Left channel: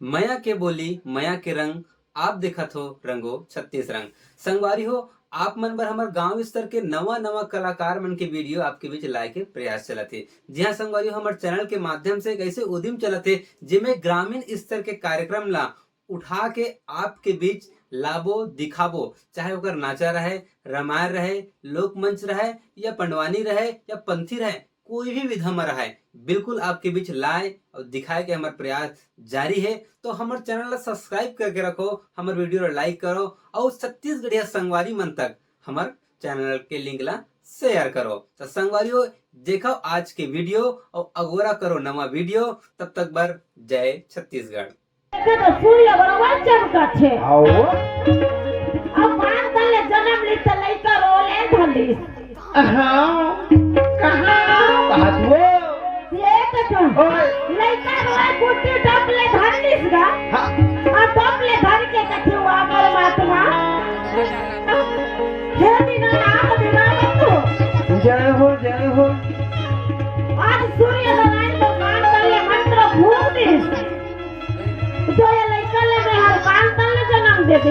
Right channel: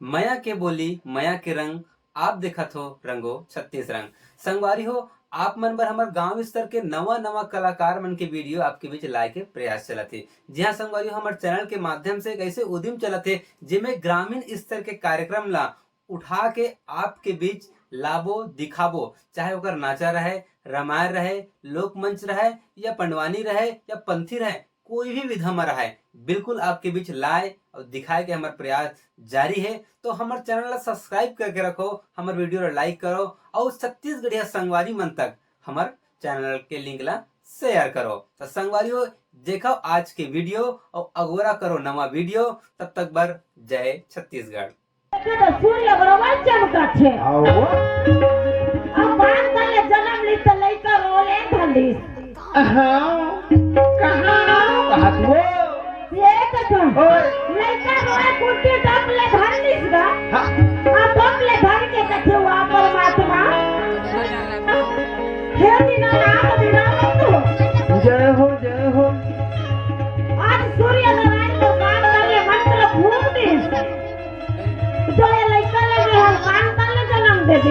मया के बोली मया के रंग आप देखत हो रंगो 36 रंग। संगवारी हो आप मन बर हमार गांव स्तर के नवा नवा कलाकार मन के वीडियो आपके बीच लाए के प्रयास चलत है। जी हाँ संगवारी हो, हमार चैनल के माध्यम से एक ऐसे उद्यम चलत है जिसमें ग्रामीण स्तर के कार्यक्रम ला उठा के आपके बीच लाबो दिखाबो, चाहे ओकर नाचा रहे, रामायण रहे, लोक मंच रहे या पंडवानी रहे या पंथी रहे, कोई भी विधा में रहे, बिल्कुल आपके बीच लाए और दिखाए के हमार प्रयास जारी है। तो हमारे चैनल ला सब्सक्राइब करके रखो, हमारे वीडियो ला लाइक करो और छत्तीसगढ़िया संगवारी मन तक हमारे चैनल के लिंक ला शेयर करो। तो संगवारियों देखो आज के वीडियो और अगोरा करो नवा वीडियो। तब तक बर जय छत्तीसगढ़। सूर्य बराबर चमकत है अब बात कर ले जन्म ली त लइका रोले धंडिस बात वो ये कथो लइका रोए कुटी डबले धंडिस गा और डबले धर के कथो वा परमात्मा हे दिना नाम दिना तो जय हो आज सूर्य नारायण को मान करे मंत्र भूल दी तो ये लइका लगे हम कान तल जन्म दे दे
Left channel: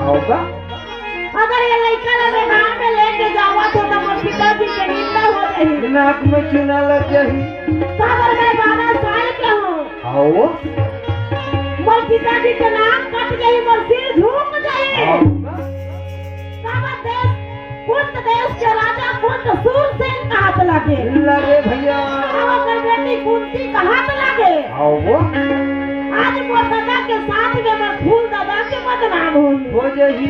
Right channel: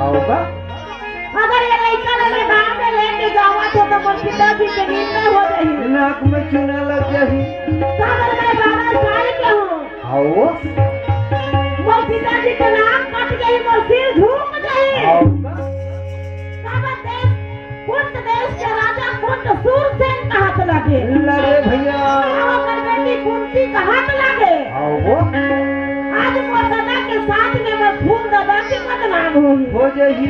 होगा। अगर ये लइका लगे गांव में लेके जावा तो मोर पिताजी के निंदा हो रही, नाक में चूना लग जाही। सागर में 12 साल के हूँ, आओ मोर पिताजी के नाक कट गई, मोर सिर झुक गई। सागर देश कुंत देश के राजा कुंत सूरसेन का हाथ लगे भैया, अगर बेटी कुंती का हाथ लगे। आओ आज मोर दादा के साथ में मोर फूल दादा के बदनाम हो जाही।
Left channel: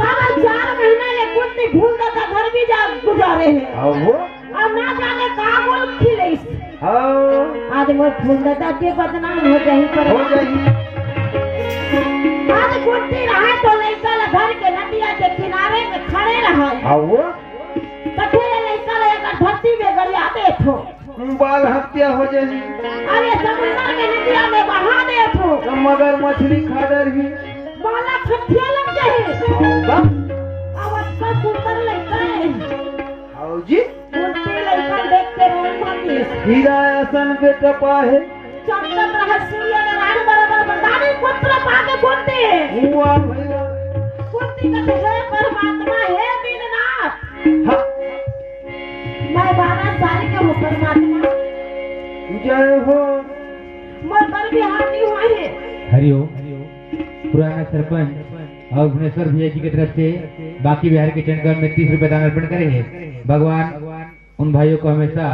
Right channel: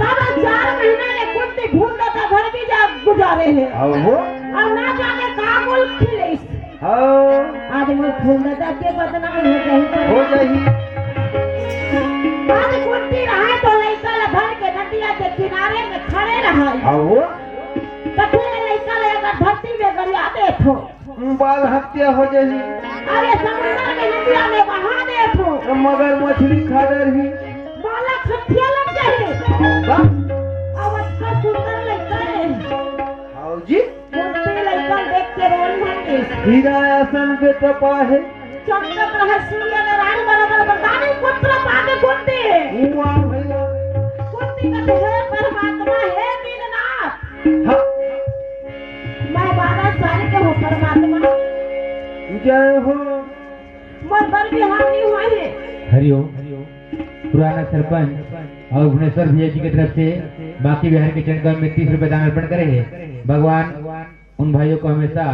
बाबा 4 महीने ले कुंती फूल दादा घर भी जा गुजारे हैं आओ और ना जाने कहाँ मुल्क खिले। आओ आज मोर फूल दादा के बदनाम हो जाही पर हो जाही। आज कुंती रहे तो लइका ला घर के नदिया के किनारे में खड़े रहे। आओ कथे लइका ला अगर धरती में गड़िया दे थो बाल हत्या हो जाही। अरे समुद्र के नदिया में बहा दे थो मगर मछली खा डरही। बाला खथिया लग जाए। आओगा अब अच्छा सुंदर लइका है, आओ जी। कुंती लइका देख के रोन भरती हीरा ऐसन बेटा पाहे चमकत रहे सूर्य नारायण बराबर बरदानी पुत्र पाके कुंती वाह भैया। कुंती कहते हे परमात्मा हे दीननाथ हाँ मैं 12 साल के हूँ परमात्मा, जय हो। मोर घर भी हानि हुए है। हरिओम। पुराना सरपंच और भुवनेश्वर भैया जी की तरफ से बाकी बिहार के चंडगांव में 30 रुपए दान अर्पण करेंगे। भगवान उन भाइयों को हमेशा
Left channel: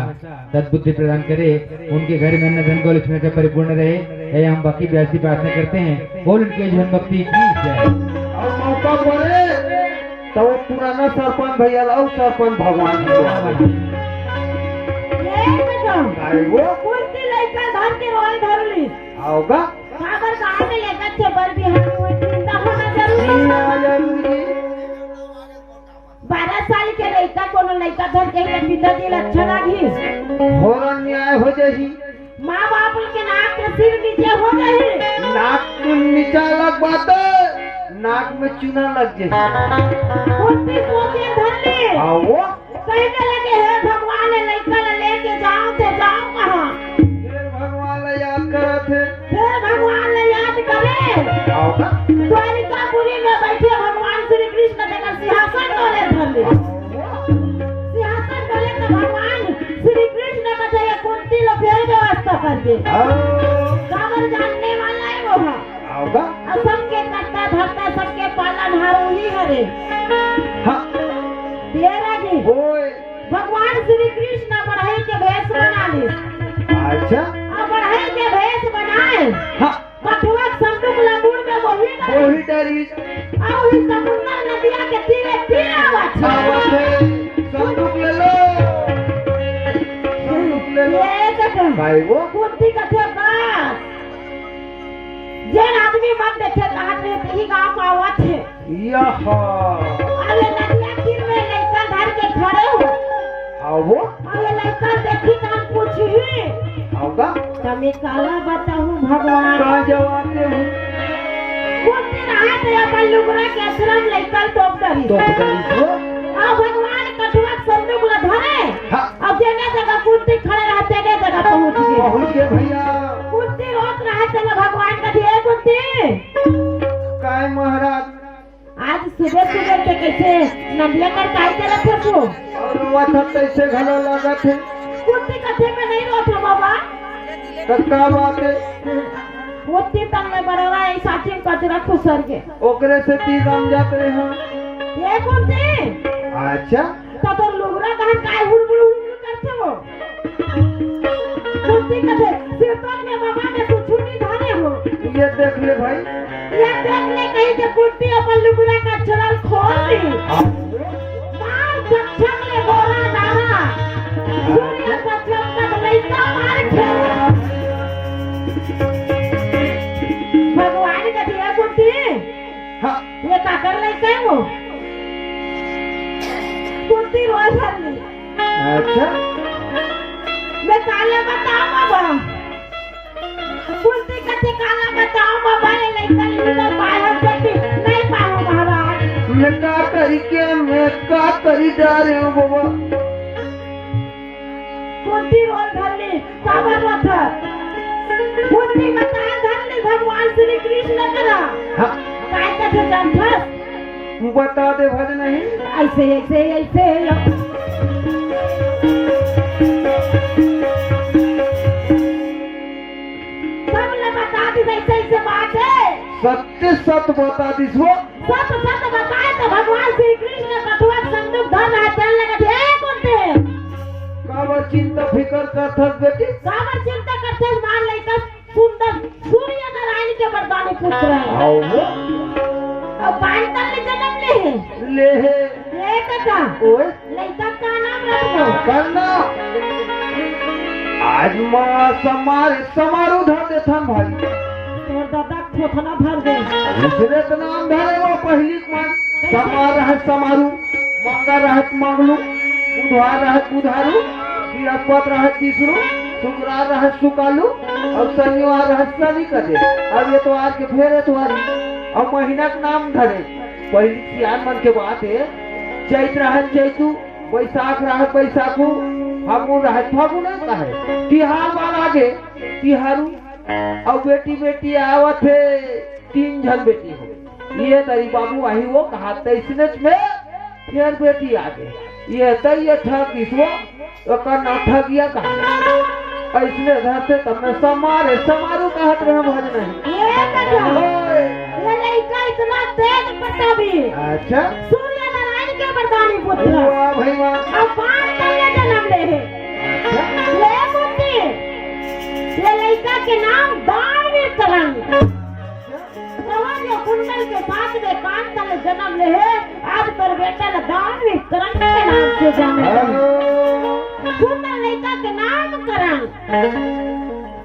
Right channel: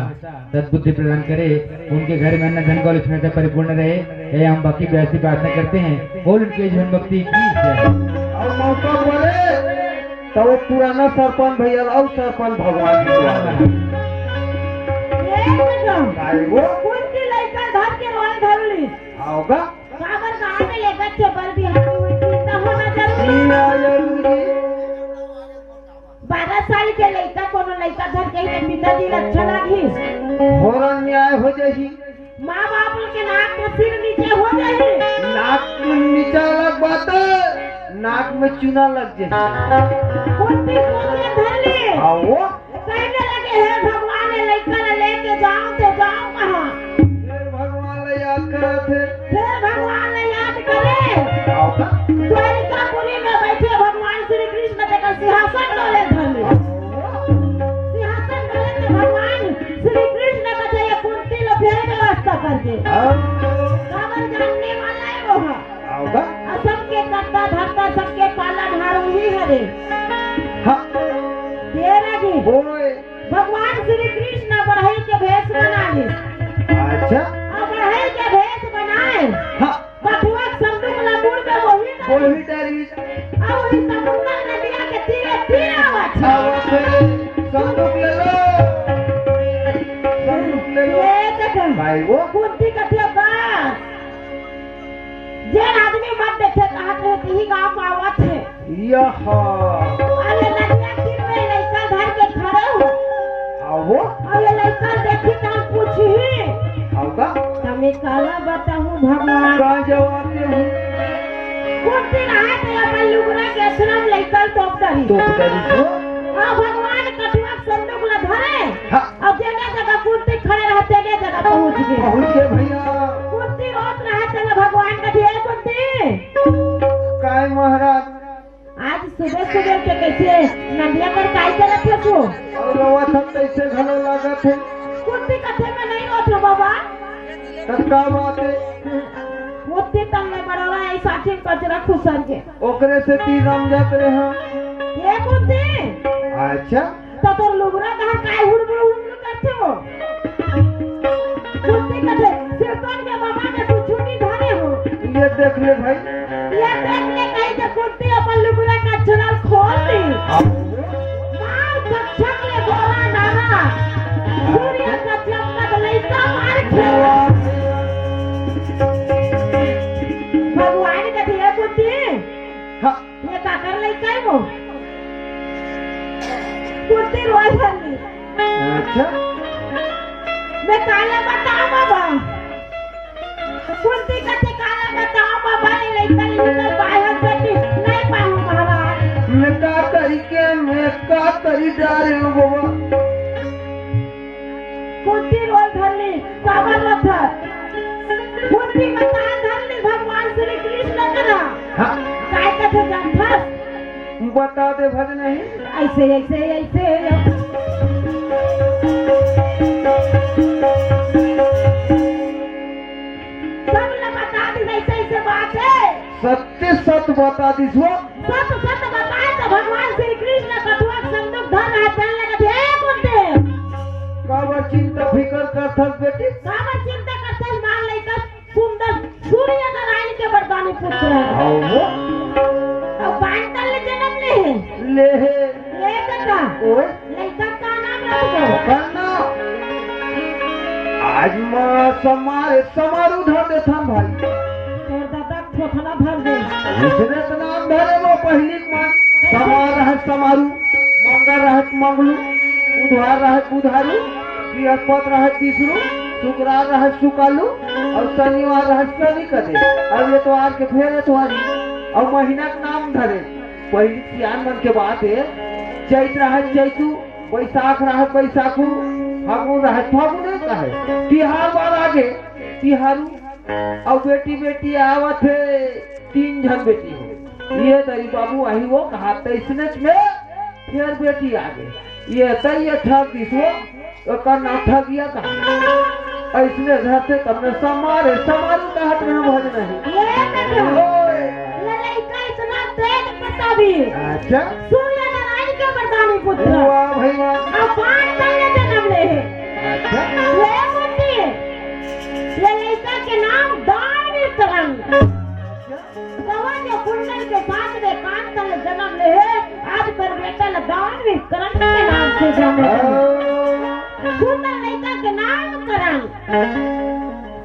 सद्बुद्धि प्रदान करे, उनके घर में अन्न धन का लक्ष्मी परिपूर्ण रहे, यह हम बाकी बिहार से प्रार्थना करते हैं और उनके जीवन भक्ति की जय। और मौका पड़े तो पुराना सरपंच भैया और सरपंच भगवान वो कुंती लइका धर के रोल धर ली आओगा। सागर गांव में लेकर के बर भी हानि चिंता होना जरूरी। 12 साल के लइका कोनो लइका धर के पिताजी अच्छा लगी होरन न्याय हो जाही। माँ बाप के नाक के सिर नीचे हो जाही, नाक नीचा लग बात नाक में चूना लग जाही। कुंती सोचे धर ली आओ कहने लगे हे भगवान ये लइका ला लेके जाओ तो जाओ कहाँ। फिर भगवान ला याद करत है। फिर भगवान ने याद करे आओगा द्वारिकापुरी में बैठे भगवान श्री कृष्ण देखकर सिंहासन डोले धर ली। सिंहासन डोले तो भगवान श्री कृष्ण का जय कुंती लो फिर व्यवस्था कर दे। काबर जानने वाला है वो है आओगा। और सबके करता धरता सबके पाला ढारू ही हरे। हाँ तेरा जी ओए भगवान श्री कृष्ण बढ़ई के भेष बना ली अच्छा और बढ़ई के भेष बनाए हाँ पटुआ संदूक लबुड़ में वही वही डरी और इस समुद्र नदिया के तीरे तीरे आवाज आवत है। संदूक ले लो संदूक ले लो भाई वो कुंती कथे का जेन आदमी मत देखे कहां रहते ही गांव में आवत है। यहाँ अरे नदिया तीर में लइका धर के खड़े हो आओ और ये लइका देखी तन पूछी आओगा। तमे काला बताऊं भगवान कहाँ जवाब दे कुंती रहे तो अपन लुगरा के आश्रम लइका तो करी तो डरी और भगवान कटुआ संदूक ला धरे हाँ और जेने जगह कुंती खड़े रहते ने जगह पहुंच गए। पहुँच गए भैया। कुंती रोत रहे चला भगवान का ढेर कुंती काय महाराज आज सुबह सुबह से कैसे नदिया कर काय चला थे तू और रवा था कैसे घलो लागत है कुंती कथे में नहीं रोते बाबा तब का बात है कुंती तंगे बड़ोला ऐ साची कचरा खुसर के ओकरे से ती रम जात रहे हां ये कुंती अच्छा तो लुगरा कहां काय हुड़ करते हो कुंती कथे सिरपन में बाबा ने कुछ नहीं धाने हो ये देख लिए भाई ये देखने कहीं के कुर्ती अपन लुगड़ा का चराल खोल ली मार चक्चक ले बोरा नारा सूर्य का चमकत लइका मार खेला भगवान का दिया कुर्ती हां ये का कर लइका है वो कुर्ती रोज हरली अच्छा मैं काला बताऊं बाबा कुर्ती कथे काला बताऊं बाबा ये लइका निकल बाहर बेटी नहीं पाऊं महाराज मैं का करी जा रहे हूँ बाबा कुर्ती रोल धरली बाबा रोथा कुर्ती बताए धरली भगवान श्री कृष्ण करा हाँ काय कथे जानथस बता दे भज नहीं ऐसे ऐसे ऐसे सब ने बता दी ऐसे ऐसे बात है सत्य सत बता दीसो सत सत बताए तो भगवान श्री कृष्ण कठुआ संदूक धन है चलने का ढेर कुंते कब चिंता फिकर करथस बेटी काबर चिंता करते मान लइका सुंदर सूर्य नारायण के वरदान पुत्र है आओ और पांडल ने जन्म ले ले है ये कथा ओए लइका का नाम रखो बन्ना आज मां समारे समारोह धर दे थम भाई तोर दादा ठोठना भर दे दूसरे तो नाम धरे वो पहली मां समार रहत समारू मंगा रहत मंगलू बुधवार रहत बुधारू बृहस्पति रहत तीसरू शुक्रवार रहत शुकालू और शनिवार रहत शनि कदे अब ये तो आज के फेर एतवार और महीना के नाम धरे पहली सियान मन के बात है चैत रहत चैतू बैसाख रहत बैसाखू फागुन रहत फागुन नहीं कहे तिहार बार आगे तिहारू और बेटी बेटी आवत है 3 जन बेटी हो ये तरी बाबू आई वो कहा इसने में फिर बेटी आगे ये तई ये ठग इसको ओकर ना ठगिया कहा इसने धरते तब में समारे समारू कहत रहे भज नहीं ये कथा ये लइका इतना तेज प्रतापी अच्छा सूर्य नारायण के वरदान पुत्र वाह भाई वाह और पांडल ने जन्म ले है अच्छा ले कुंती ये लइका के नाम दानवीर करण दवा कुंडल के साथ में पांडल ने जन्म ले है आज पर बेटा ने दानवीर करण के नाम से जाने सुंदर लइका के नाम करण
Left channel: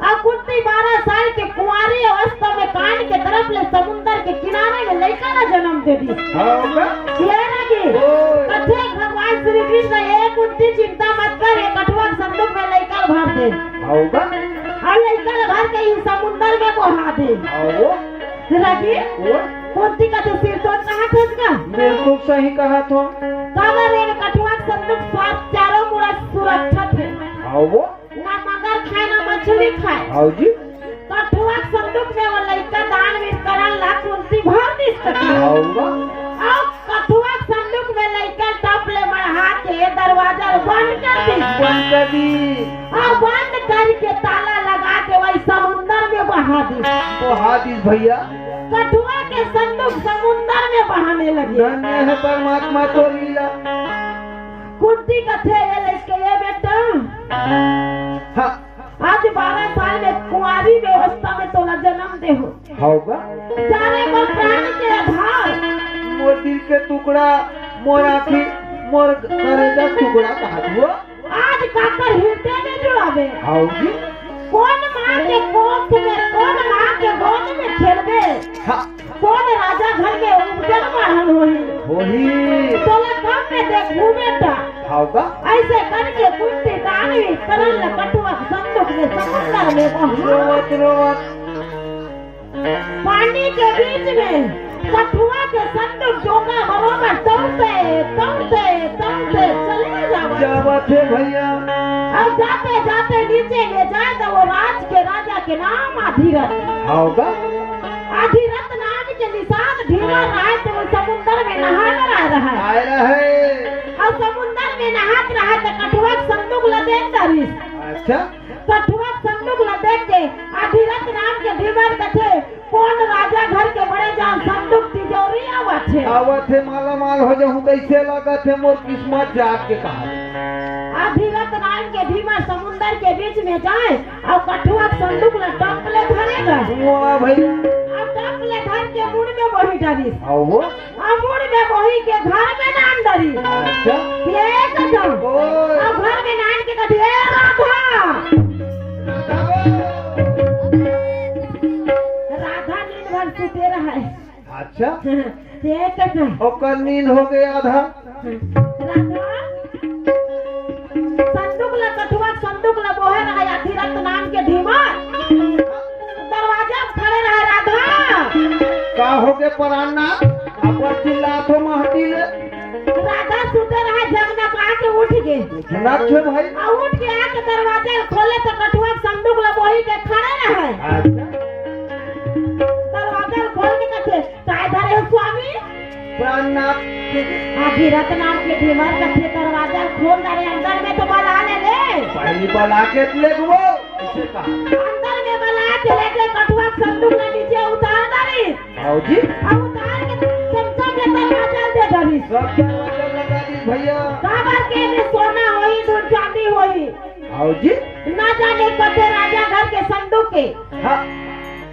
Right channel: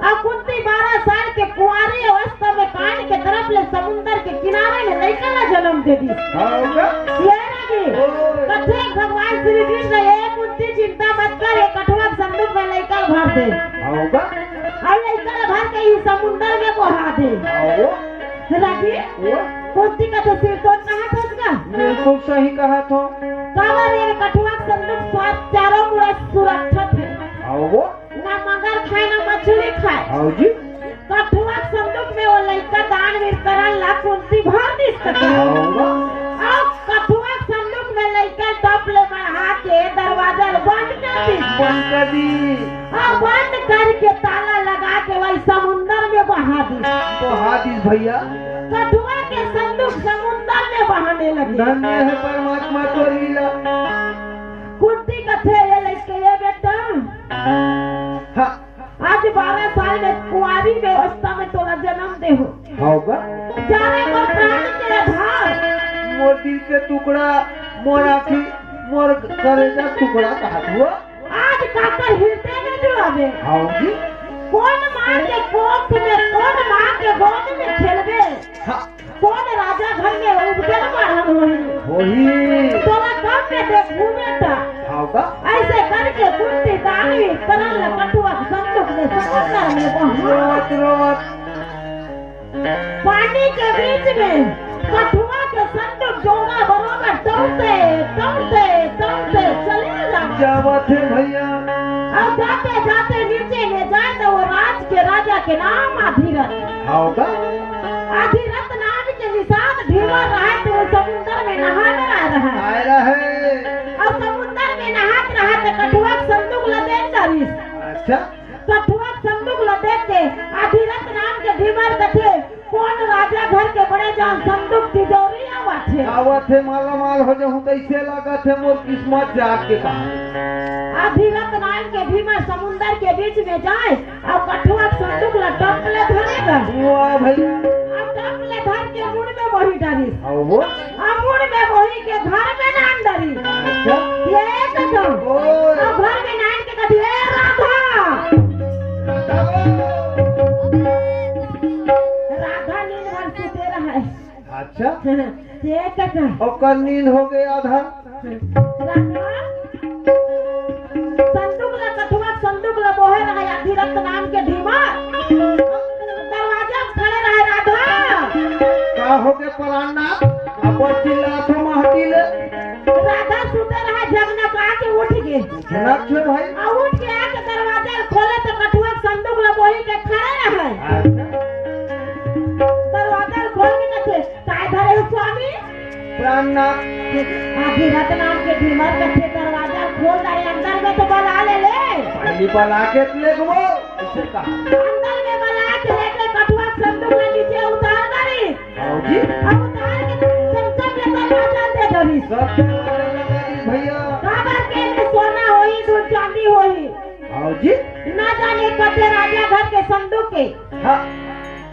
और कुंती 12 साल के कुंवारी अवस्था में कान के तरफ ले समुद्र के किनारे में लइका का जन्म दे दी ये लगी कथे भगवान श्री कृष्ण ये कुंती चिंता मत कर ये कठुआ संदूक में लइका भर दे होगा और लइका भर के ही समुद्र में बहा दे आओ राजी कुंती का तो सिर तो कहां था इसका बिल्कुल सही कहा तो काबर ये कठुआ संदूक साथ चारों मुड़ा सुरक्षित है आओ ना मगर खाए ना मछली खाए आओ जी कठुआ संदूक में वो लइका दानवीर करण ला कुंती भर दी सके आओगा और कठुआ संदूक में लइका टपले मढ़ा के दरवाजा बंद कर दी पंकजी और बंद करके ताला लगा के वही समुद्र में बहा दी हादिस भैया कठुआ के संदूक समुद्र में बहाने लगे धन्य है परमात्मा को लीला कुंती कथे ये लइके ये बेटा हाँ आज 12 साल में कुंवारी व्यवस्था में तोला जन्म दे हो होगा जाने पर प्राण के आधार मोर दिल के टुकड़ा मोर आँखी मोर कलेजा टुकड़ा कहा हुआ आज काकर हृदय में जुड़ावे आओ जी कौन माँ के कोख में कौन माँ के गोद में खेलवे हाँ कौन राजा घर में उपजन मारन होई वही तोला कब में देखू बेटा होगा ऐसे करके कुंती दानवी करन ल कठुआ संदूक में समुद्र में बहा रोत रोत पानी के बीच में कठुआ के संदूक जोगा बरोबर दौड़ते दौड़ते दौड़ते चले जावे जावत है भैया अब जाते जाते नीचे ले जाए तो वो राज के राजा के नाम आधीरथ होगा अधिरथ नाम के निषाद ढीमा रहा तो वो समुद्र में नहाने आ रहा है आए रहे। और समुद्र में नहात रहा तो कठुआ संदूक लदेन डरी अच्छा कठुआ संदूक लदेन के अधिरथ नाम के ढीमर कथे कौन राजा घर के बड़े जान संदूक तिजोरी आवत है आवत है माला माल हो जाऊं कैसे लागत है मोर किस्मत जाग के कहा। अधिरथ नाम के ढीमर समुद्र के बीच में जाए और कठुआ संदूक लटक ले धरेगा वाह भैया और टक ले धर के मुड़ में वही डरी आओ वो और मुड़ में वही के घर में नाम डरी अच्छा ये कदम ओए और घर में नाम के कथे राधा नींद भर सुते रहा है अच्छा ये कदम ओकर नींद हो गया आधा। राधा संदूक ला कठुआ संदूक ला बोहे रहा अधिरथ नाम के ढीमर दरवाजा में खड़े रहे राधा का हो गए पराना अपन चिल्लाते महटी ले राधा सुते रहे जगना कहा के उठ गए लक्ष्य भाई और उठ के आके दरवाजा खोले तो कठुआ संदूक ला बोही के खड़े रहे अच्छा दरवाजा खोल के कथे काय धरे हो स्वामी प्राणनाथ अधिरथ नाम के ढीमर कथे दरवाजा खोल रहे अंदर में तो बुला ले पहली बला के ले गो इसे कहा अंदर में बुला के लेके कठुआ संदूक ले नीचे उतार दरी आओ जी अब उतार के चमचा के दरवाजा दे दरी सब दरवाजे लगा दी भैया काबर के में सोना होई दूध चांदी होई आओ जी ना जाने कते राजा घर के संदूक के हाँ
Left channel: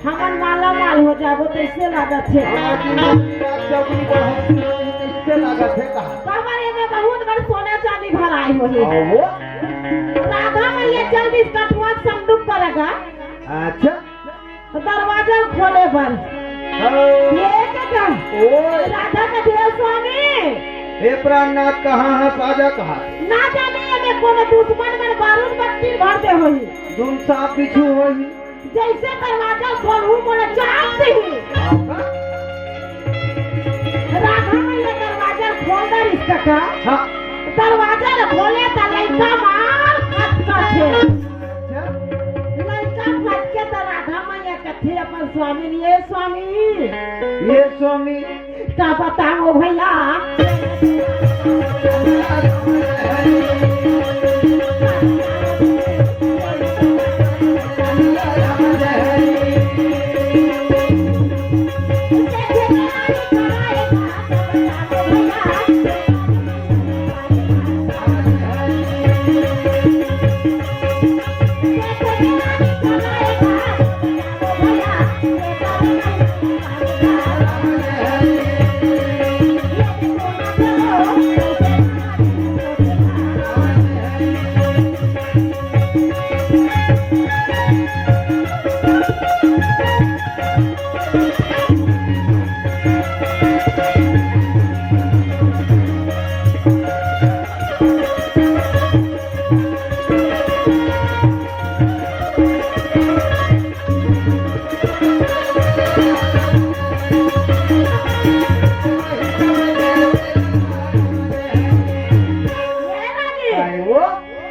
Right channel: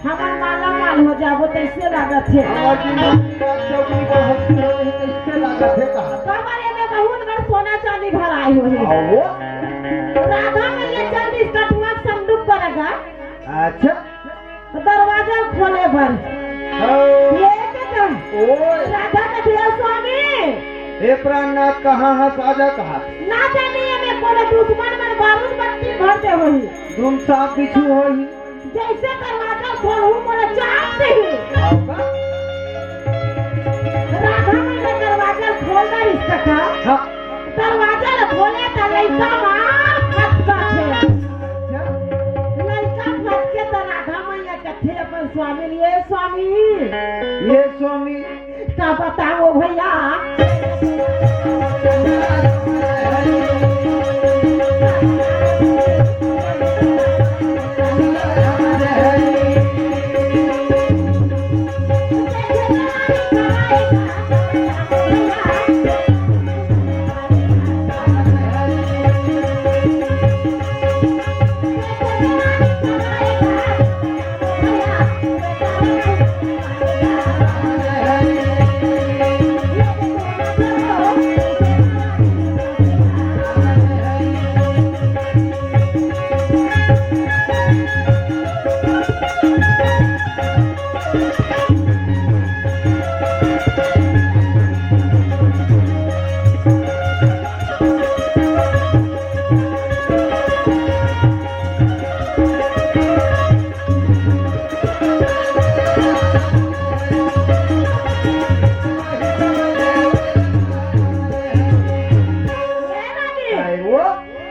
हमन माला माल हो जाबो तो इससे लागत है और जिंदगी का चौकड़ी पर होती है इससे लागत है कहा काबर में बहुत बड़ सोना चांदी भराई होई आओ वो राधा में ये चांदी कठुआ संदूक पर रखा अच्छा दरवाजा खोले बर आओ ये कदम ओए राधा के देव स्वामी हे प्राणनाथ कहाँ है साजा कहा ना जाने ये में कोनो दुश्मन मन बारूद बत्ती भरते होई तुम सांप बिच्छू हो ही जैसे दरवाजा खोलू मोला चाप दे राधा में ये दरवाजा खोल कर इसका हाँ दरवाजा खोले तो लड़का मार खटका छे लड़का खटके तो राधा मैया कथे अपन स्वामी ये स्वामी का बताओ भैया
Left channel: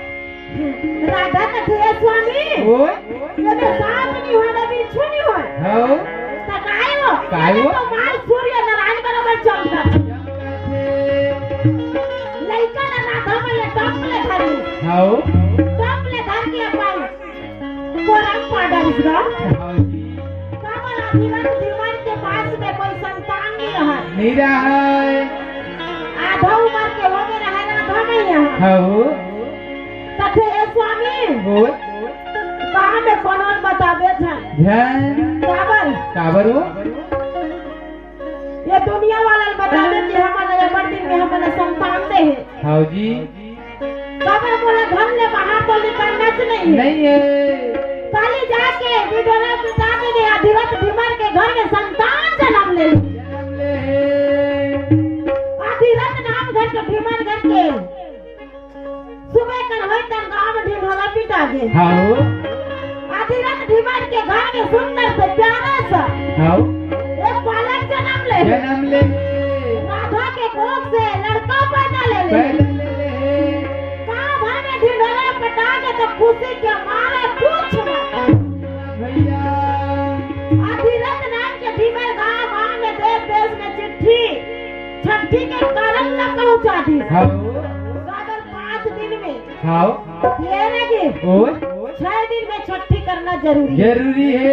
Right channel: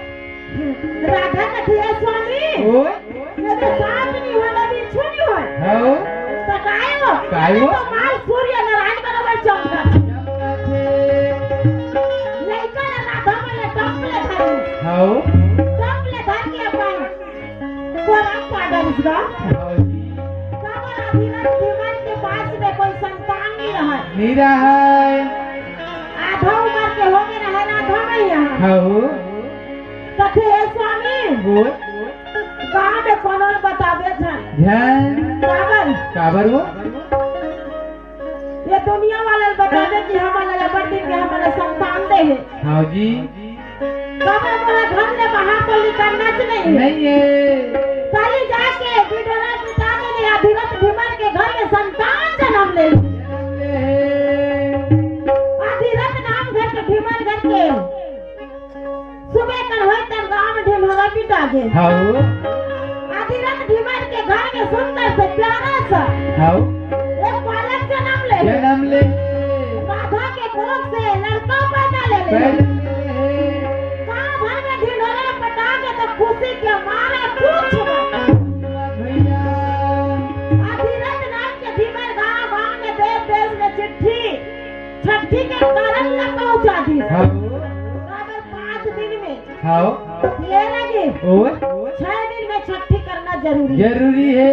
राधा कथे स्वामी ये तो सांप नहीं हो ना बिच्छू नहीं हो हो तो काय वो तो माल सूर्य नारायण बराबर चमका लइका ना राधा में ये टपले धरी हो टपले धर के अपन कोरम पाडर इसका हो जी काबर अधिरथ जीवन के पास में कोई संतान नहीं रहा नहीं रहा है आधा उम्र के हो गए रहे राधा में यहाँ हो कथे स्वामी वो कहाँ में कौन बतावे थे ध्यान काबर काबर हो ये दुनिया वाले बतावे कि हमारे लबड़ी के हमारे संतान दे है हो जी काबर मोला घर में बाहर तो निकलना नहीं है नहीं है सारी जाके विडोरा पिता ने अधिरथ भीमर के घर में संतान जन्म ले ली अधिरथ नाम घर के भीमर घर के सुबह कर होई तब गांव में ढिमला पिटा गए हो अधिरथ भीमर के घर में सुंदर से प्यारा सा हो एक बालक जन्म ले राधा के कोख से लड़का पैदा ले गांव भर में ढिंढोरा पटा के तो खुशी के मारे पूछ भैया छठी के कारण न पहुंचा दी हाँ अगर 5 दिन में हाँ ये लगे और 6 दिन में छठी करना जरूरी है। जरूरी है।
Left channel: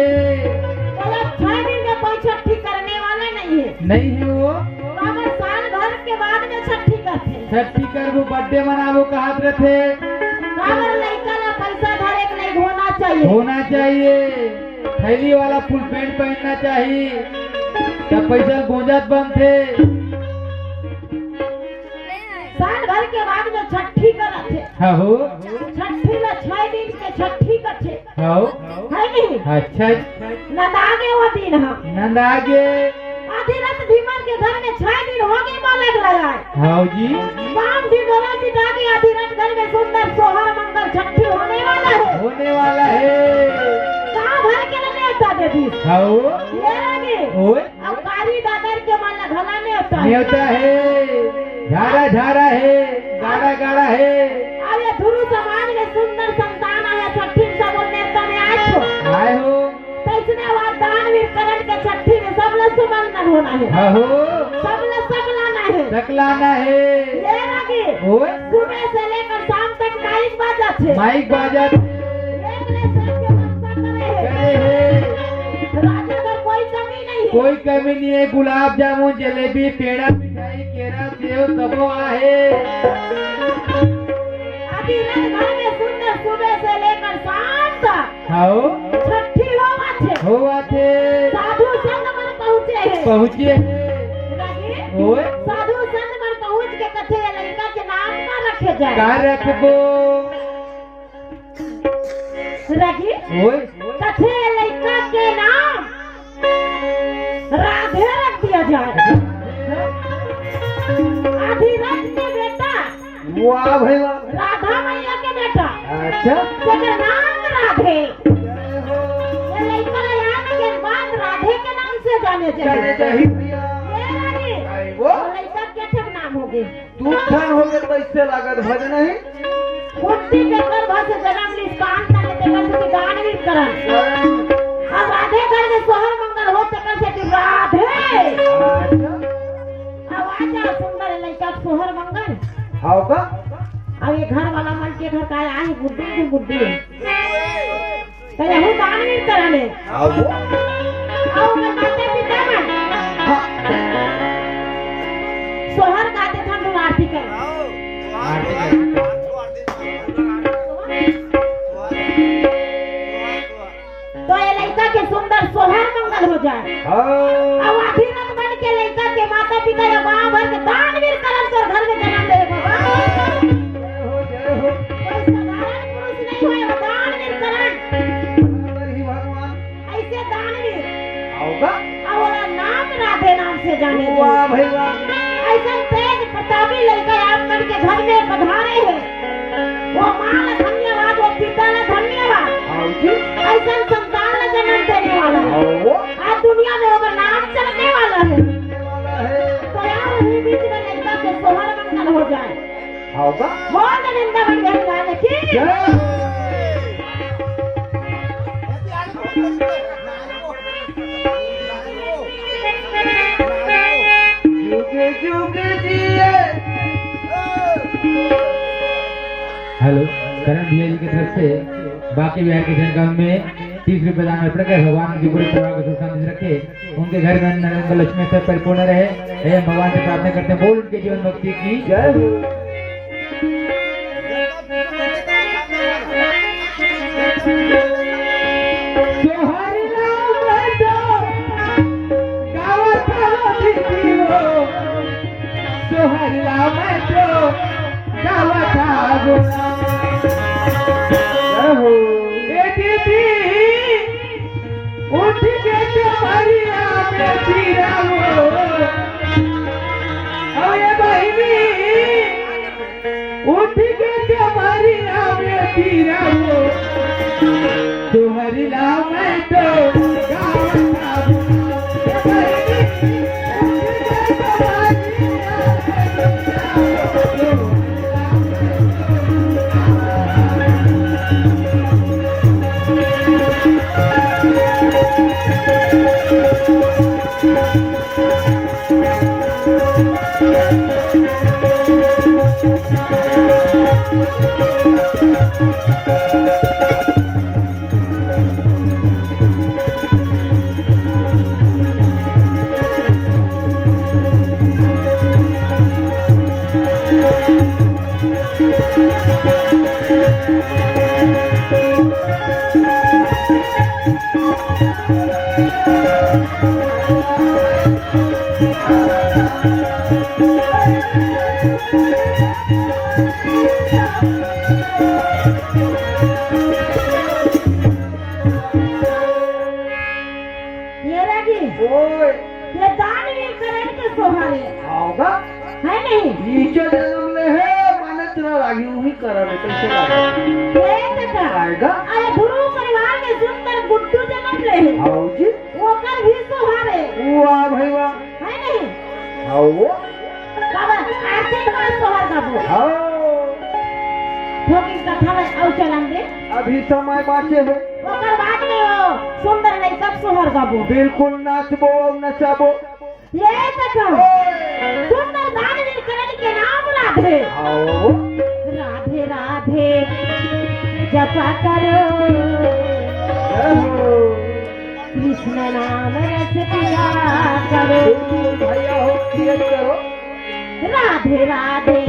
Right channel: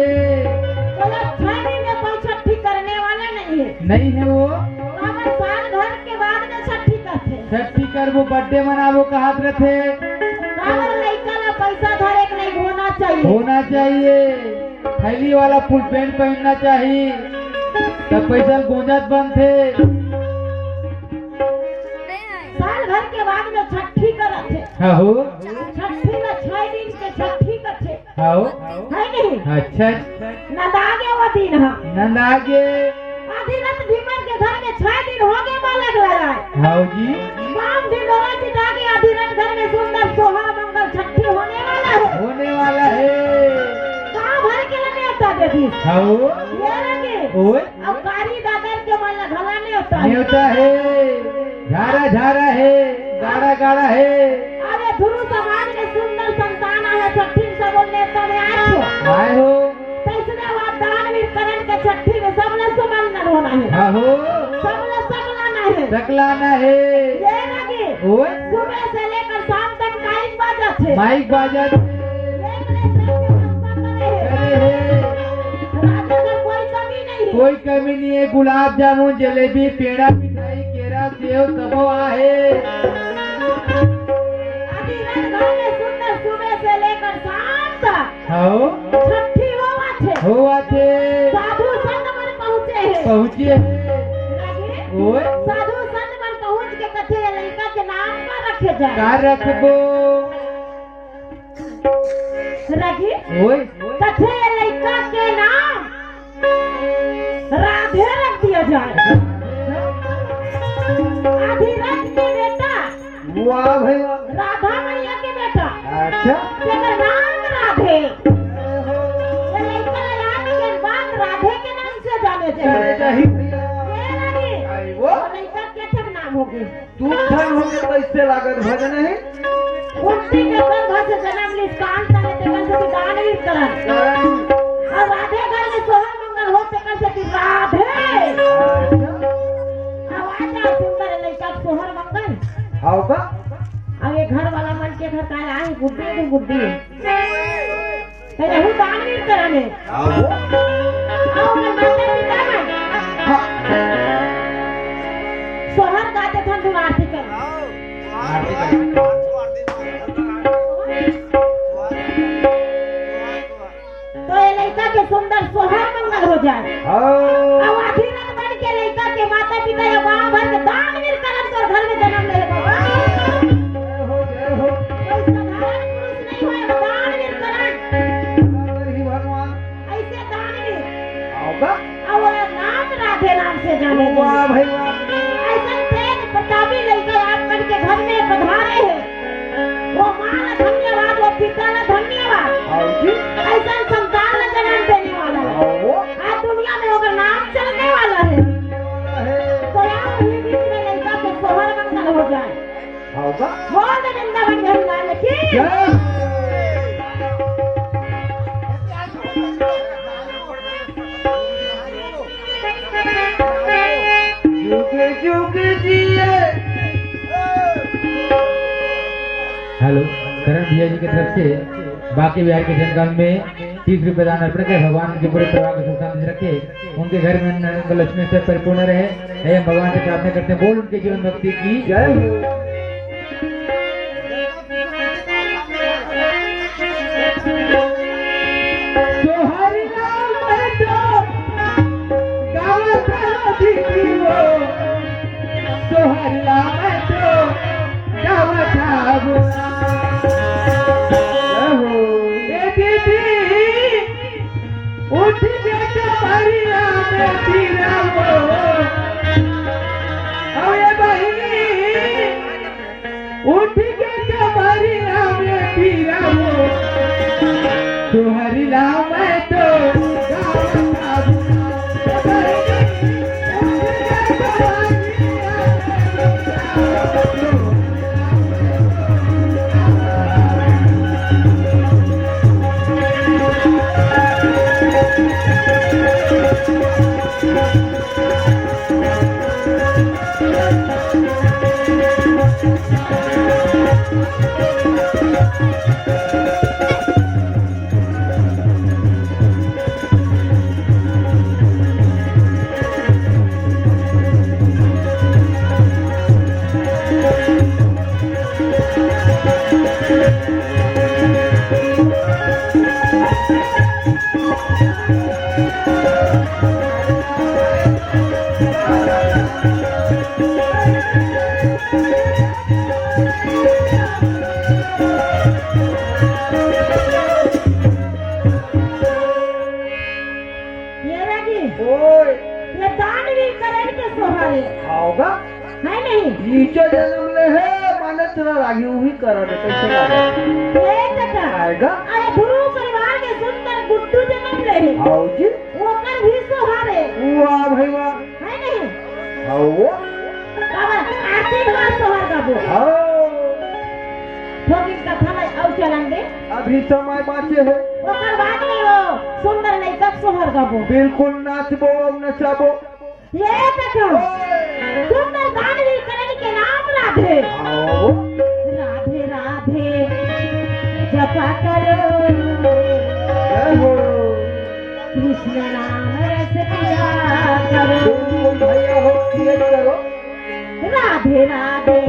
मतलब 6 दिन में कोई छठी करने वाला नहीं है। नहीं है वो अगर साल भर के बाद में छठी करते हैं। छठी कर वो बर्थडे मनावो कहात रथे अगर लड़का ला पैसा धरे के नहीं होना चाहिए। होना चाहिए। थैली वाला फुल पैंट पहनना चाहिए तब पैसा गोंजात बनते। साल भर के बाद में छठी करते हाँ हो छठी में 6 दिन के छठी करते हाँ है नहीं। अच्छा नदागे वो दिन है नंद आगे आधी रात भीमन के घर में 6 दिन हो गए बालक लाया हाँ जी बाम भी डोरा पिटा के आधी रात घर में सुंदर सोहर मंगल छठी होने वाला है। होने वाला है। गाँव भर के लिए नेता दे दी हाँ ये लगे ओए अब कारी दादर के माला घला नेता नेता है झारा झारा है गाड़ा गाड़ा है। अरे धुरु समाज में सुंदर संतान है छठी सब नेता में आज हो आए हो तैसने बाद दानवीर करण के छठी में सब लोग सुमंगल होना है। हाँ हो सब लोग सकलाना है सकलाना है। ये लगे ओए सुबह से लेकर शाम तक माइक बाजा थे माइक बाजा कोई कमी नहीं है। कोई कमी नहीं है। गुलाब जामुन जलेबी पेड़ा मिठाई केरा सेव सबो आहे। अभी रात भर में सुंदर सुबह से लेकर शाम तक आओ छठी हो हुआ थे साधु संत मन पहुँचे हैं। पहुँचे लगे? ओए साधु संत मन पहुँच के कथे ये लड़का के नाम ना रखे जाए का रखबो रखी ओए कथे ये लड़का के नाम राधे रख दिया जाए। आधी रात के बेटा वाह भाई वाह। राधा मैया के बेटा अच्छा तेरा नाम राधे ये लड़का याद के बाद राधे के नाम से जाने जाने चाहिए। चाहिए भैया। ये रही वो लड़का के ठक नाम हो गई तू ठन हो के कैसे लागत भग नहीं कुट्टी के गर्भ से जन्म ली कान ताने तेकर से दानवीर करन अब राधे घर में सोहर मंगल हो तेकर से राधे अब आजा सुंदर लड़का सोहर मंगल आओ का अब ये घर वाला मन के घर का आई बुद्धि तेरा हूँ दानवीर करन है आओ वो अब मैं माते पिता मन सोहर गाते थे हम आरती कर तो ये लड़का के सुंदर सोहर मंगल हो जाए। अब आधी रात बन के लड़का के माता पिता या गांव भर के दानवीर करन तो घर में जन्म ले बाबा कोई साधारण पुरुष नहीं है दानवीर करन भगवान ऐसे दानवीर आओ का और वो नाम राधे नाम से जाने वाह भाई वाह। ऐसा तेज प्रतापी लड़का आप मन के घर में पधारे हैं वो माँ का धन्यवाद वो पिता का धन्यवाद आओ जी ऐसा संतान का जन्म देने वाला है आओ आज दुनिया में होगा नाम चलने वाला है तो यहाँ ही बीच में लड़का के सोहर मंगल हो जाए। आओ का बहुत निंदा बन गई वाले की जुगे जुगे जिए हेलो करण भैया जी की तरफ से बाकी बिहार के जनगांव में 30 रुपए दान अर्पण कर भगवान उनके पूरे परिवार को सुख शांति रखे उनके घर में अन्न लक्ष्मी से परिपूर्ण रहे। हे भगवान से प्रार्थना करते हैं बोल उनके जीवन भक्ति की जय हो। जोहर नाम तो गावत आलो दीदियो जोहर नाम तो गावत आलो जय हो। ए दीदी उठ के तुम्हारिया में फिरावो अरे बहिनी उठ के तुम्हारिया में फिरावो तुम्हारी नाम है तो गावत आलो बहिनी उठ के तुम्हारिया में फिरावो ये रगी ओए ये दानवीर करण के सोहारे आओगा है नहीं नीचे जन्म ले है माने तेरा लागी हुई करन कैसे लागे ये तका आएगा अरे गुरु परिवार के सुनकर गुड्डू जन्म ले है आओ जी वो कर भी सोहारे वाह भाई वाह है नहीं आओ बाबा आशीर्वाद सोहर का वो आओ ठोकिन कथा में औ चलेंगे अभी समय बाकी है ओकर बाद में वो सुंदर नहीं कब सोहर का वो बिल्कुल नाचबो नचाबो ये तका सुंदर दानवीर करण के नाम राधे आओ राधे राधे जपा करो कृष्ण नाम रस पिया करो बिल्कुल भैया हो किए करो राधे राधे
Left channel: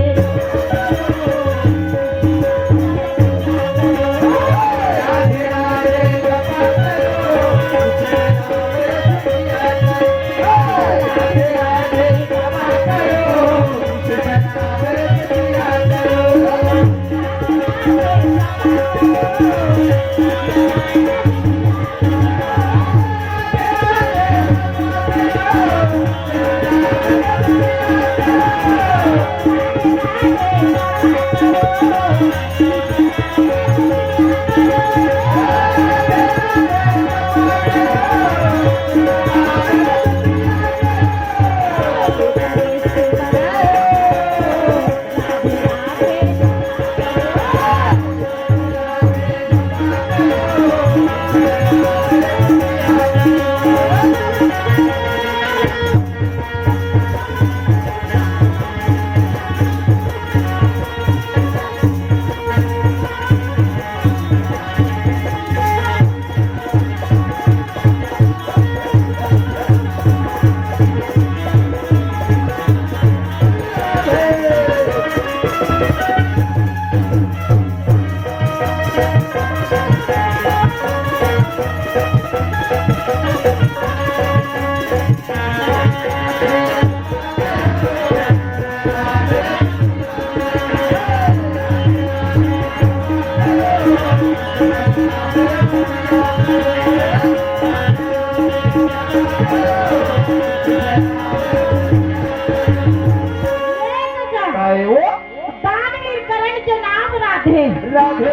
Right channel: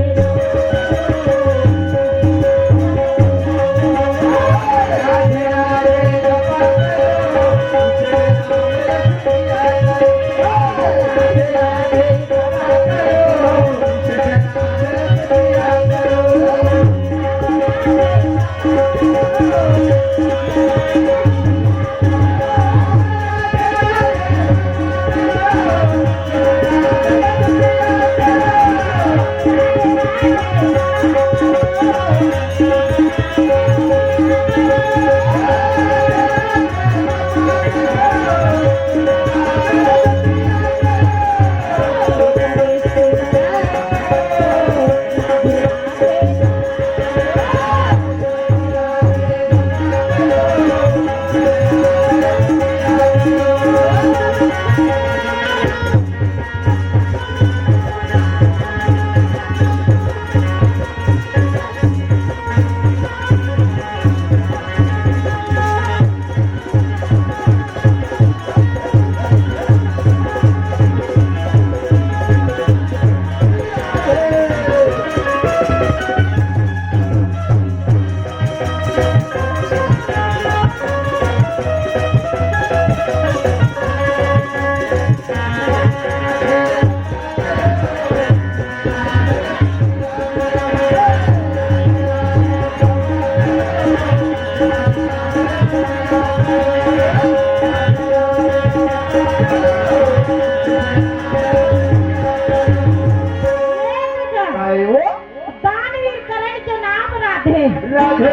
दानवीर करण के नाम राधे राधे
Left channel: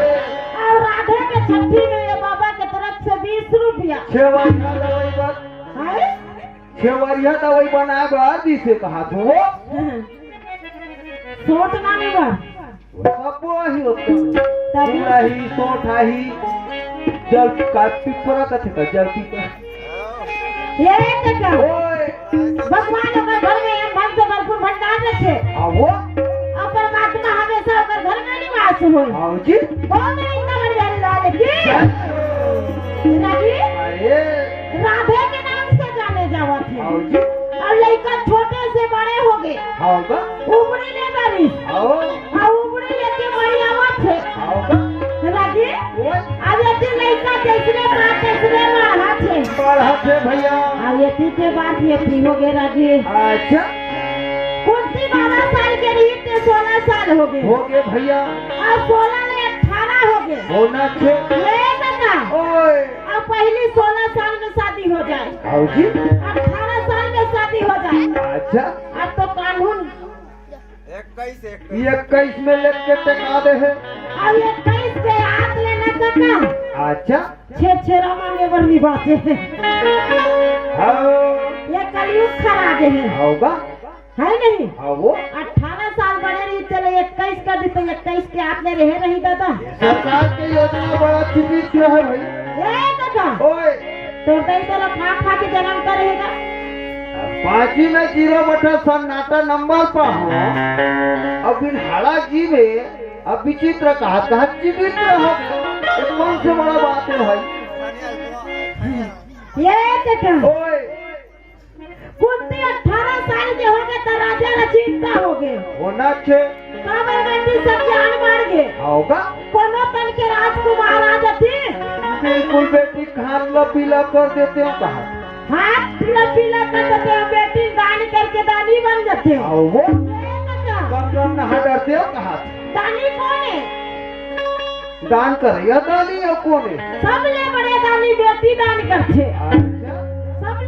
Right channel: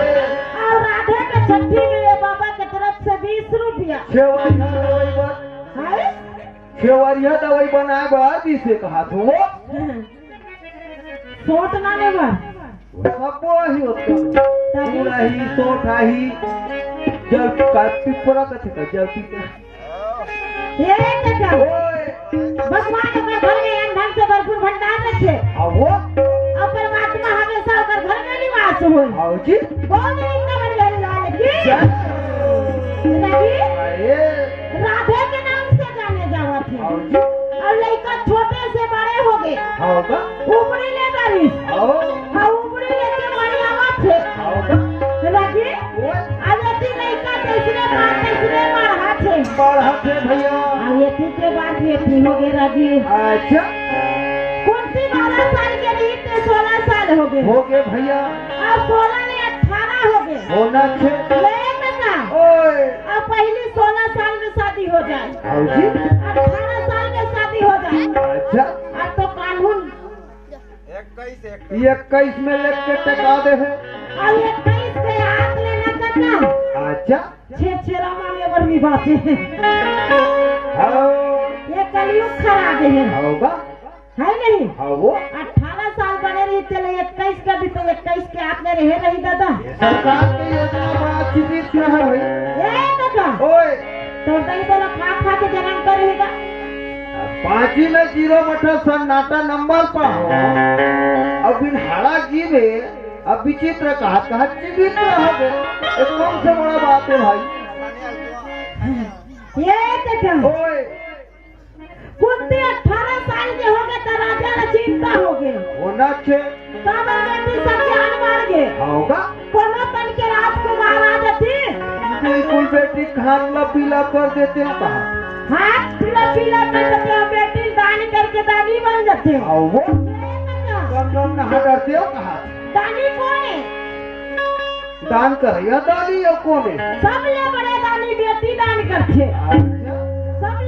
और राधे के छठी में ये बाबा के तरफ से 20 रुपया छेवरिया दवाई बन है छेवरिया दवाई बनाए बार दिसे कहा तो सोट ना नहीं बार सब ही होता तबलाही सोठाही जल का पिपरा कथे का जल पिपरा ये तका ओए भगवान का घर में हम धन से भरपूर भंडार में थे आओ और परमात्मा हमेशा होकर घर में निवास हो आओ जी बोल रही नगर यार लाल की नहीं अरे राधे के नाम से जाने जावा थे आओ जी और लड़का छोटे से बड़े हो गए आओ का उमड़े ले डरी आओ और उमड़े लेके बड़ी आवाज थे आओ का राजी ओए अब ये लड़का जैसे मारा थे बढ़ा थे भैया अब ये के बाद ये ठीक हो गए राजी अच्छा कुंती 12 साल के लिए तो 16 साल हो गए हो गए भैया और 16 ने 18 हो गए होना छे ले काका ओए अब पहले 16 साल में शादी हो जाए आओ जी 18 साल में शादी हो जाए अच्छा अब तो कानून 21 में लग के टका दे है अब 21 के हाथ लेना काका अच्छा छेरा मांगे वर्दी बातें आओ ये कलयुग खरा गए हैं आओगा है नहीं आओ 18 साल बने रही चले 21 कर दी तो 21 के हाथ में रहे रही दादा सरकार की योजना बड़ा चीज क्यों है भाई ये दादा ओए तो दही तो खा खा के जन्म कर रहेगा पांची में 0 सन्नाटा नंबर पर हो अब इन हरा जीवे अब विचित्र कहा कहा जीवित रहा ये कौन से बड़ा बात है भाई ये देखो ओए कुंती 18 साल के हो गए तो राजा ने चिंता हो गए होना छे काबर बेटी सब जान मार गए होगा कोनो तन के राजकुमार राजा थे बिल्कुल बेटी खान ला पीला कर देते हैं कहा हाथ पीला पीला कर देते हो बेटी दान करके दानी बन जाते हो आओ वो ये देखो कौन नहा डरते हो कहा दानी कौन है दान कर या दानी या कौन है सब ले बड़े दानी बेटी दान करते अच्छा सब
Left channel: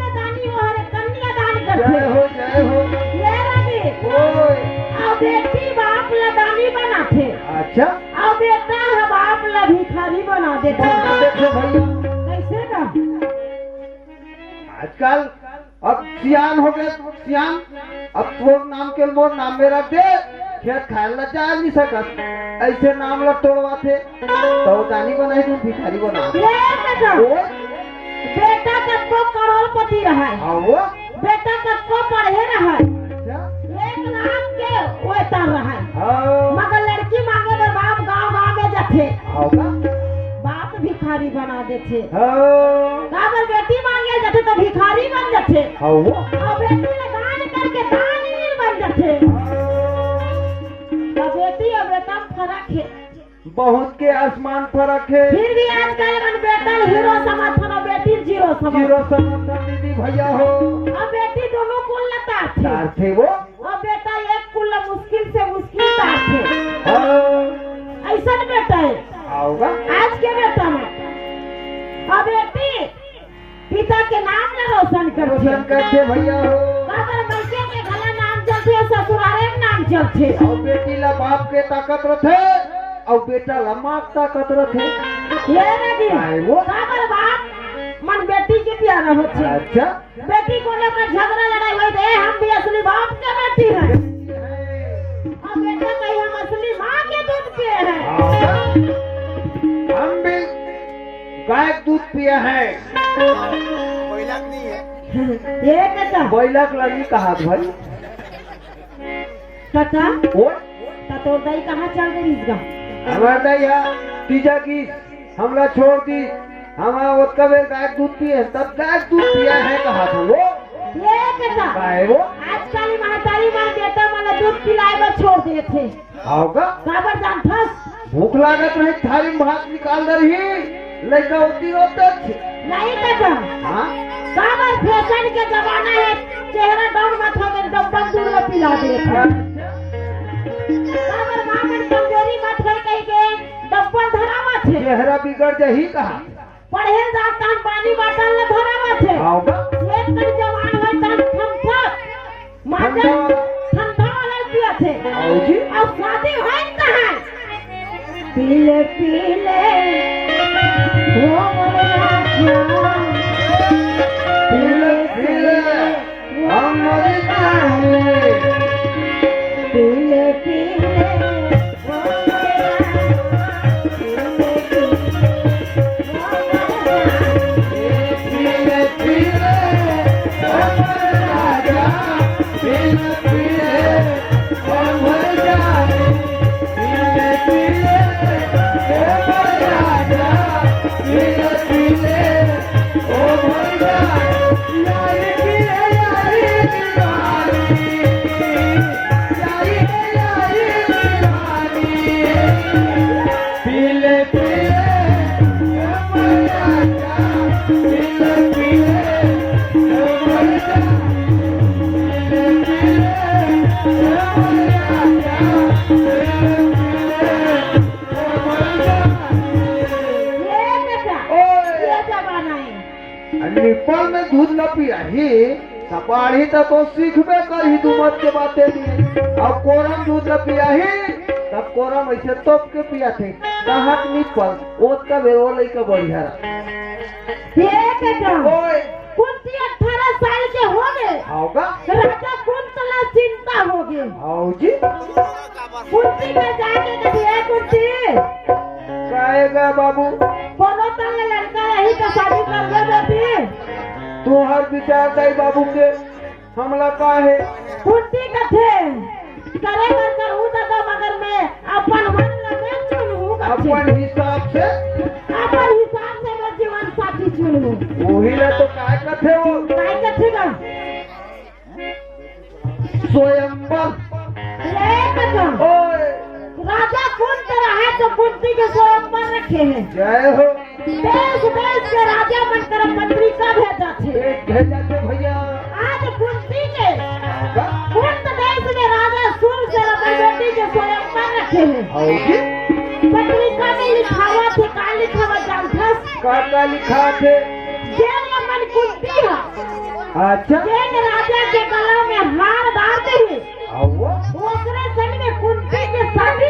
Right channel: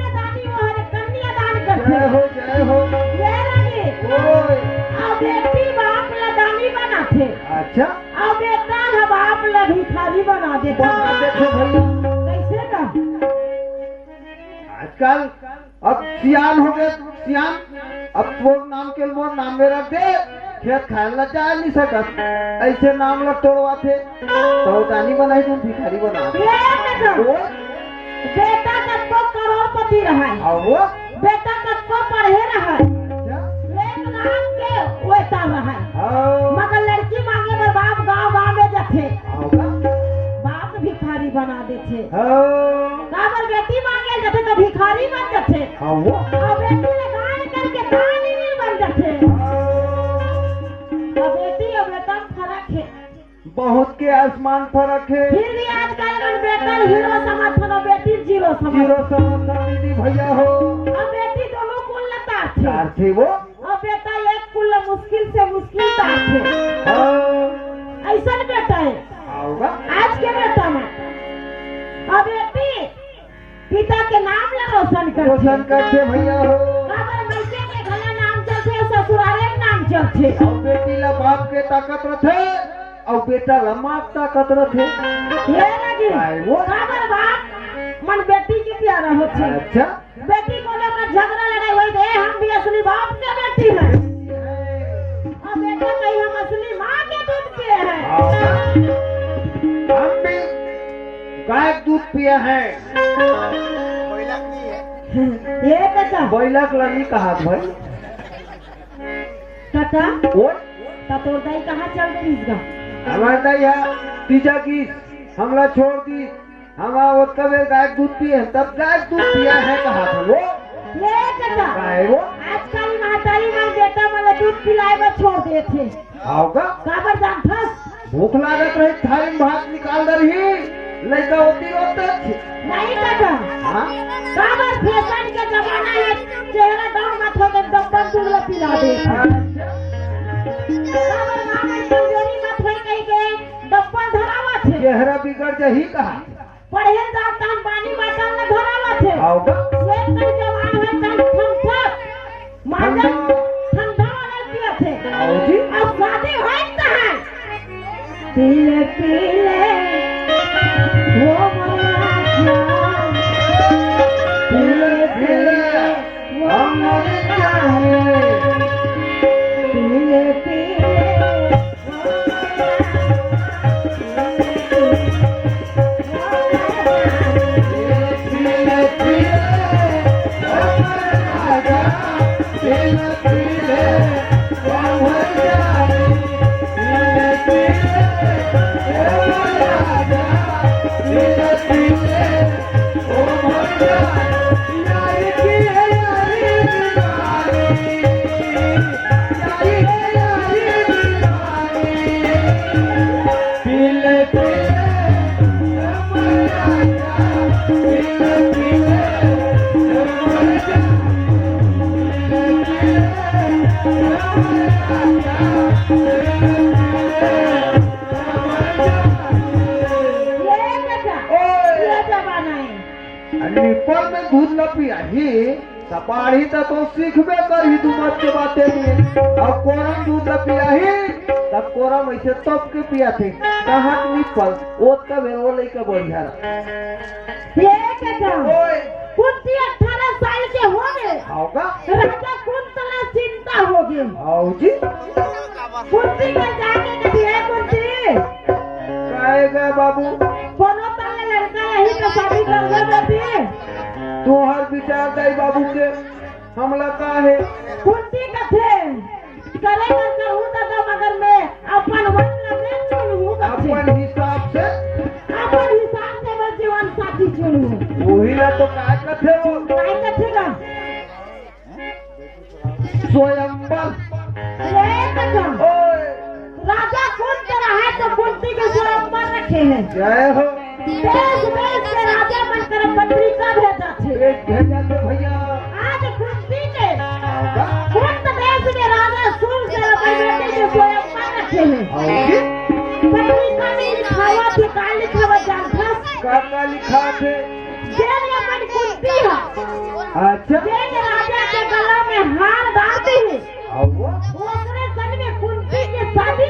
आजकल अब सियान हो गया सियान, अब तोर नाम के मोर नाम में रख दे, खेत खाए ला जा नहीं सकत, ऐसे नाम ला तोड़वा थे तो दानी बनाई तुम भिखारी बना ये बेटा कब को करोड़पति रहा है, आओ बेटा कब को पढ़े रहा है, 1 लाख के वेतन रहा है, मगर लड़की मांगे में बाप गांव में जाते, बाप भिखारी बना देते, काबर बेटी मांगे जाते तो भिखारी बन जाते, और बेटी ने दान करके दानवीर बन जाते, तो बेटी और बेटा में फर्क है, बहुत के आसमान फर्क है। फिर भी आजकल मन बेटा हीरो समझो ना बेटी जीरो जीरो समझो, समझ दीदी भैया हो, और बेटी दोनों कुल तार चार थे वो, और बेटा एक कुल मुश्किल से मुश्किल तार थे, ऐसा बेटा है आओगा आज के बेटा में, और बेटी पिता के नाम ले रोशन रोशन करते भैया हो, अगर मैके के घला नाम चलते ससुराले के नाम चलते, और बेटी ला बाप के ताकत रखे और बेटा ला माँ के ताकत रखे, ये लगी आए वो अगर बाप मन बेटी के प्यारा होते, अच्छा बेटी को लेकर झगड़ा लड़ाई हुई तो हम भी असली बाप के बेटी हैं, और बेटा कहीं हम असली माँ के दूध पिए हैं, हम भी गाय के दूध पिया है, ये बेटा बैलक लगी कहा भाई काका और तोर दाई कहाँ चल गई इसका, हमार दैया तीजा की हमरा छोड़ दी, हमारा वो कबे गाय के दूध पिए तब गाय के दूध पिया है कहा था वो ये बेटा गाय वो आजकल महतारी माँ बेटा माला दूध पिलाए बर छोड़ दिए थे, होगा काबर जानता भूख लागत रही थाली में भात निकाल रही लड़का होती रोते थे नहीं काका, हाँ काबर फैशन के जमाना है, चेहरा डाउन मत हो गए डब्बा दूध ला पिला दे, काबर माँ में कमजोरी मत हो कहीं के डब्बा धरावा थे, चेहरा बिगड़ जाही कहा पढ़े जाता पानी बाटल ला धरावा थे, होगा एक कई जवान है तन ठंडा माजा ठंडा वाला पिया थे, जी अब शादी है कहाँ पीले पीले वो मोरा पीले पीले हम मर जाए पीले पीले पीले पीले राजा पीले पीले हम मर जाए पीले पीले राजा पीले पीले हम मर जाए यारी की पीले पीले पीले पीले ये बेटा ये जमाना है, निपल में दूध न पिया ही कपाड़ी तो सीखबे कर ही दुमत के बातें में और कोरम दूध न पिया ही तब कोरम ऐसे तोप के पिया थे कहाँ निपल ओत का वेरो लइका बढ़िया ये बेटा ओए कुंती 18 साल के हो गए, होगा राजा कुंतला चिंता हो गई, आओ जी कुंती के जाके देखिए कुंती कहेगा बाबू कोनो तंग लड़का यही तो शादी कर दे बेटी, तू हर विचार गई बाबू के हमला का है कुंती कथे करे कर हूँ दादा मगर मैं अपन मन लगे चुनूं अपन हिसाब से अपन हिसाब से मैं जीवन साथी चुनूं, वही ला तो काय कथे वो काय कथी का स्वयंवर ले बेटा ओए राजा कुंत रहा तो कुंती के स्वयंवर रखे हैं, जय हो देश देश के राजा बनकर पत्रिका भेजा थे, एक भेजा थे भैया आज कुंती के कुंत देश के राजा सुन से अपनी बेटी के स्वयंवर रखे हैं, आओ जी पत्रिका में लिखा हुआ थे का लिखा हुआ जानता काका लिखा थे जेल मन कुंती है, अच्छा जेल राजा के गला में हार डालते हैं, आओ